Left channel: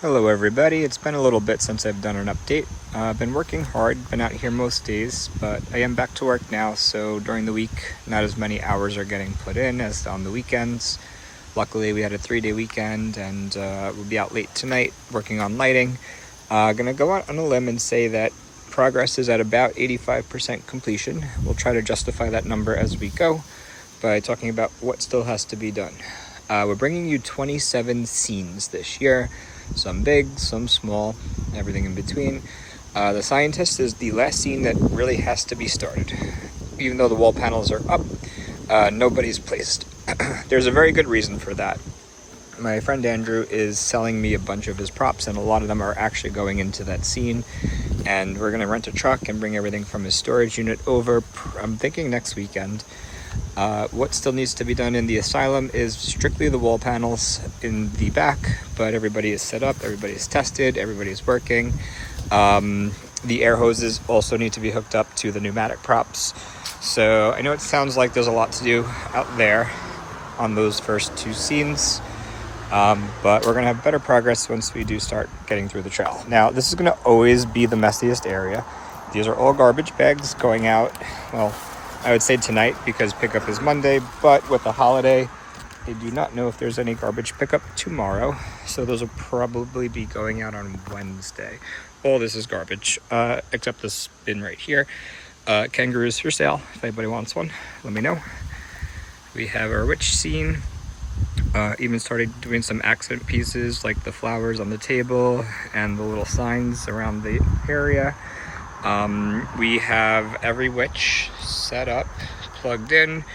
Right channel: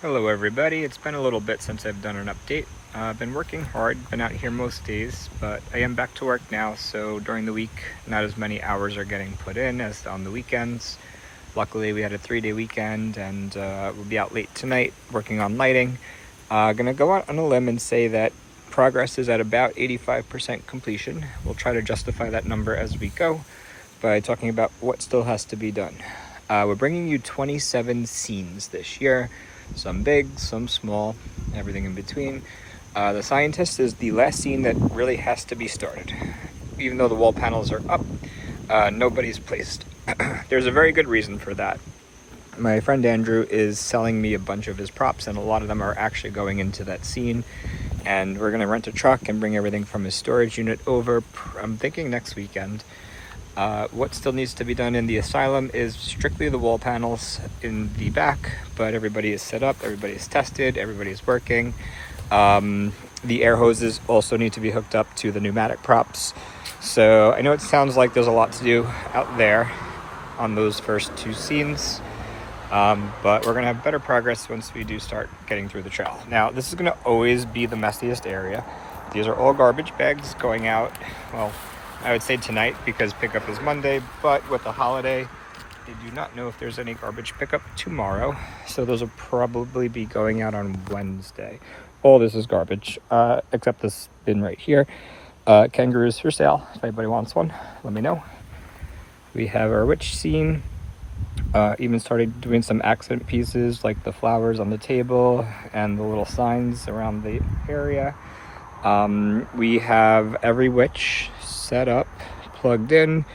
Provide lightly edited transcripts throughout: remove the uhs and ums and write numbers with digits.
Hello everybody, it's been a little bit since I've done an update. I've been working hard, been out here most days, but I am back to work now, so during the week not as many hours are getting put in as on the weekends. Luckily we had a 3-day weekend and we'll be out late tonight working on lighting. Gonna go out on a limb and say that progress is at about 85% completion. We'll try to justify that number as we go by talking about what still has to be done. We're bringing you 27 scenes this year. Some big, some small, everything in between. The Scientist is the last scene that really has to be started. Even though the wall panels are up, nobody's placed. There's a very good reason for that. My friend Andrew is selling me a bunch of his props, and a lot of them are actually going into that scene. And we're gonna rent a truck and bring everything from his storage unit over, I'm thinking next weekend. What still needs to be done in the asylum is strictly the wall panels in the back, but everybody is set up, everybody is tested, everybody is working. The air hoses also need to be hooked up to the pneumatic props. So I know it sounds like there's a lot to do out there on those first two scenes, but we're gonna have better progress once we do start getting through the trail. Now, this is gonna always be the messiest area. These are all garbage bags going out, well, I would say tonight because pickup is Monday, but with the holiday, I do not know if there's any garbage pickup tomorrow. So those will probably be going out on Wednesday. All this is garbage, except this bin right here. Kangaroos for sale. If anybody wants one, let me know. We have our witch scene. Even started doing some accent pieces like the flowers on the table and the little signs around the area. We have every witch set up, plugged in,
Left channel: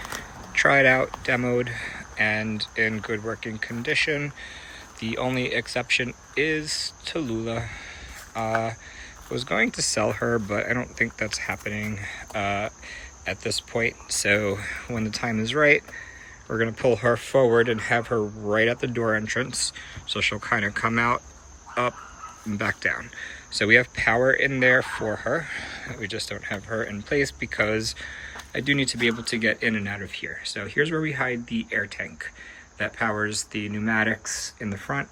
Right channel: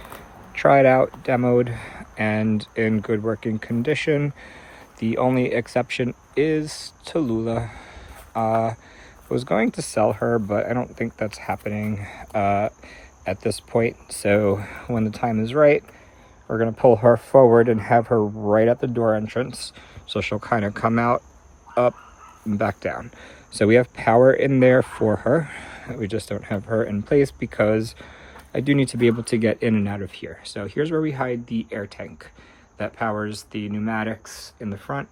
tried out, demoed, and in good working condition. The only exception is Tallulah. I was going to sell her, but I don't think that's happening at this point. So when the time is right, we're gonna pull her forward and have her right at the door entrance. So she'll kind of come out, up, and back down. So we have power in there for her. We just don't have her in place because I do need to be able to get in and out of here. So here's where we hide the air tank that powers the pneumatics in the front.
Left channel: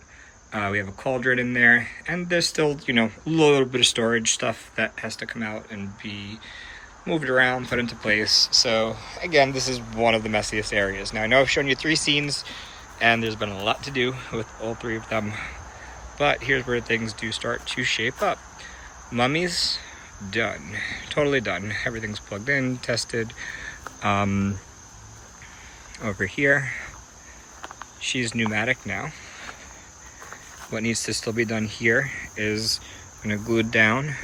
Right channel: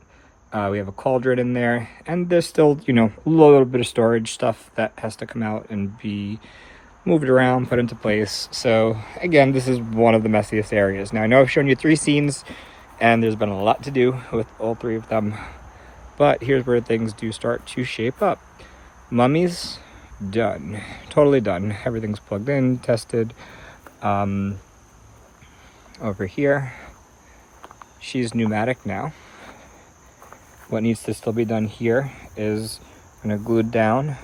We have a cauldron in there, and there's still, a little bit of storage stuff that has to come out and be moved around, put into place. So again, this is one of the messiest areas. Now I know I've shown you 3 scenes and there's been a lot to do with all 3 of them, but here's where things do start to shape up. Mummies, done, totally done. Everything's plugged in, tested. Over here, she's pneumatic now. What needs to still be done here is I'm gonna glue it down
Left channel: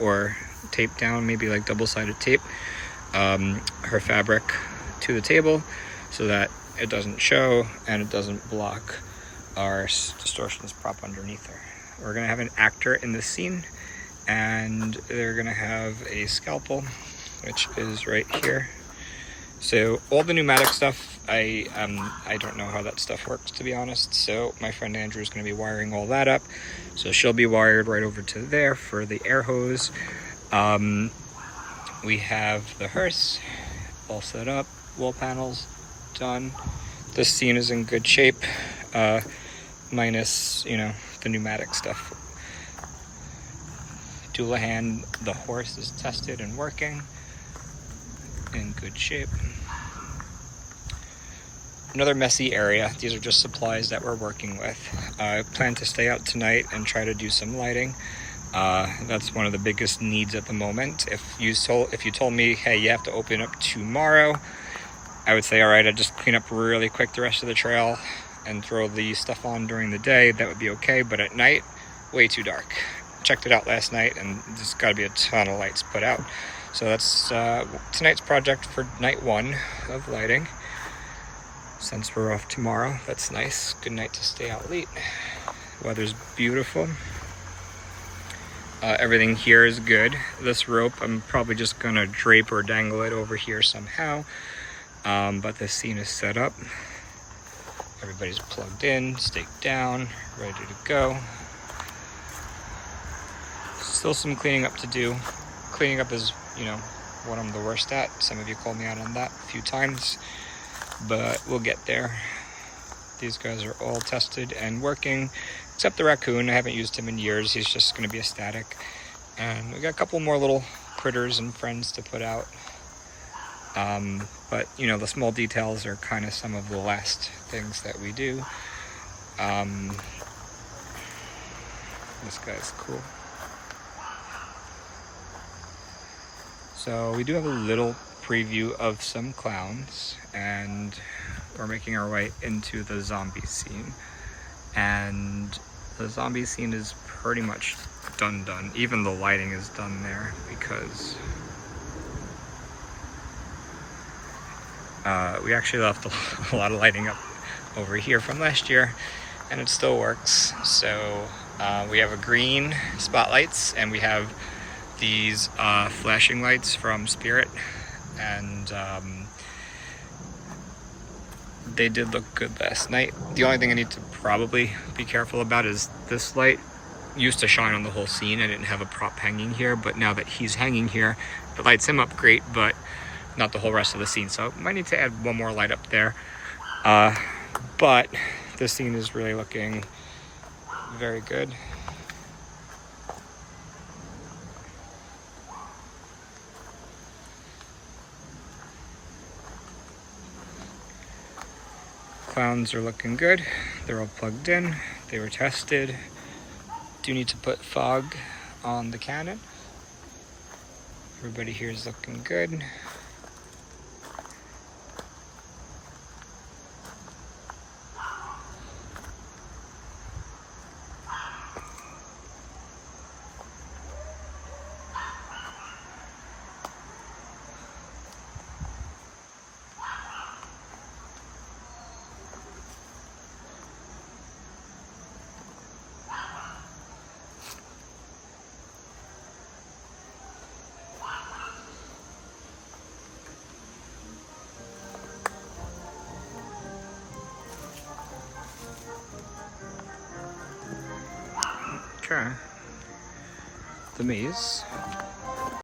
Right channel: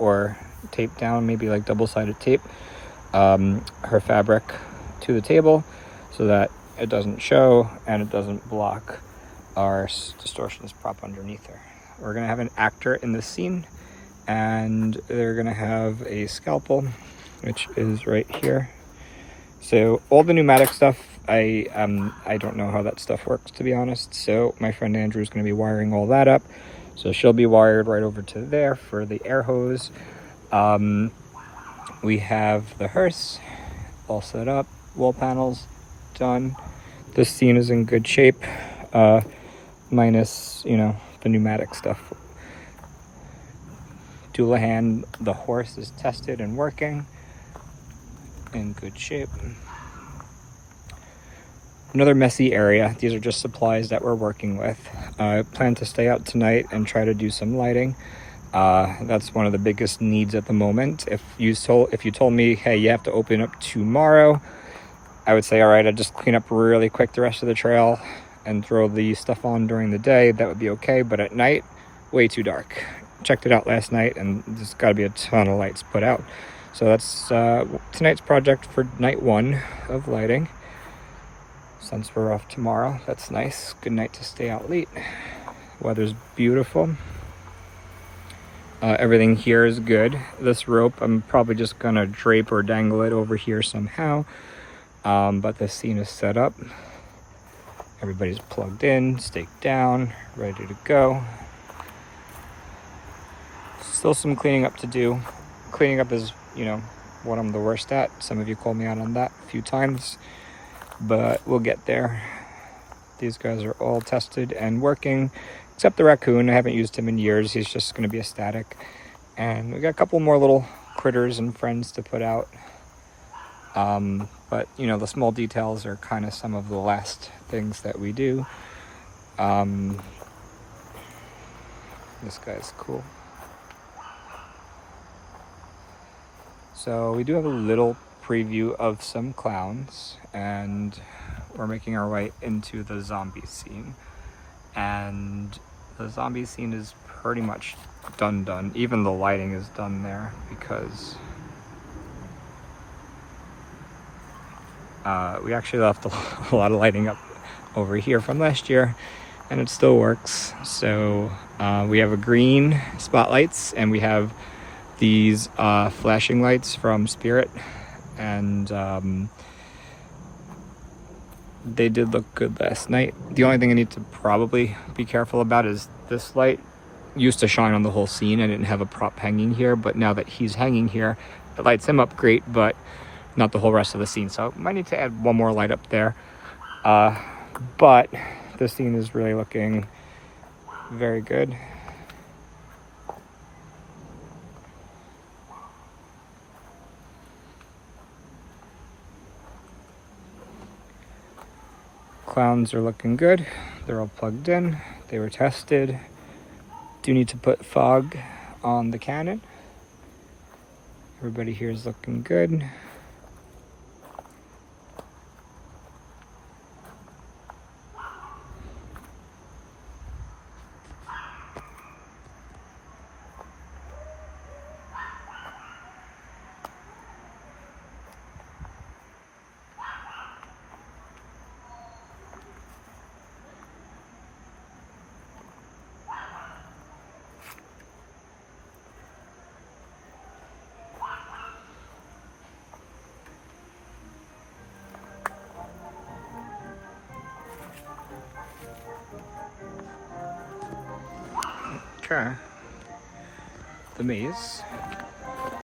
or tape down, maybe like double-sided tape, her fabric to the table so that it doesn't show and it doesn't block our distortionist prop underneath her. We're gonna have an actor in this scene, and they're gonna have a scalpel, which is right here. So all the pneumatic stuff, I don't know how that stuff works, to be honest. So my friend Andrew is gonna be wiring all that up. So she'll be wired right over to there for the air hose. We have the hearse all set up, wall panels done. This scene is in good shape, minus, the pneumatic stuff. Dullahan, the horse, is tested and working in good shape. Another messy area. These are just supplies that we're working with. I plan to stay out tonight and try to do some lighting. That's one of the biggest needs at the moment. If you told me, hey, you have to open up tomorrow, I would say, all right, I'd just clean up really quick the rest of the trail and throw the stuff on during the day. That would be okay, but at night, way too dark. Checked it out last night, and there's got to be a ton of lights put out. So that's tonight's project for night 1 of lighting. Since we're off tomorrow, that's nice. Good night to stay out late. Weather's beautiful. Everything here is good. This rope, I'm probably just gonna drape or dangle it over here somehow. But the scene is set up. Everybody's plugged in, staked down, ready to go. Still some cleaning up to do. Cleaning up is, what I'm the worst at. Some of you called me out on that a few times, but we'll get there. These guys are all tested and working, except the raccoon. I haven't used him in years. He's just going to be a static. And we got a couple more little critters and friends to put out. But you know, the small details are kind of some of the last things that we do. This guy's cool. So we do have a little preview of some clowns, and we're making our way into the zombie scene. And the zombie scene is pretty much done. Even the lighting is done there, because we actually left a lot of lighting up over here from last year, and it still works. So we have a green spotlights, and we have these flashing lights from Spirit, and they did look good last night. The only thing I need to probably be careful about is this light used to shine on the whole scene. I didn't have a prop hanging here, but now that he's hanging here, it lights him up great, but not the whole rest of the scene. So I might need to add one more light up there. But this scene is really looking very good. Clowns are looking good. They're all plugged in. They were tested. Do need to put fog on the cannon. Everybody here is looking good. Okay. The maze.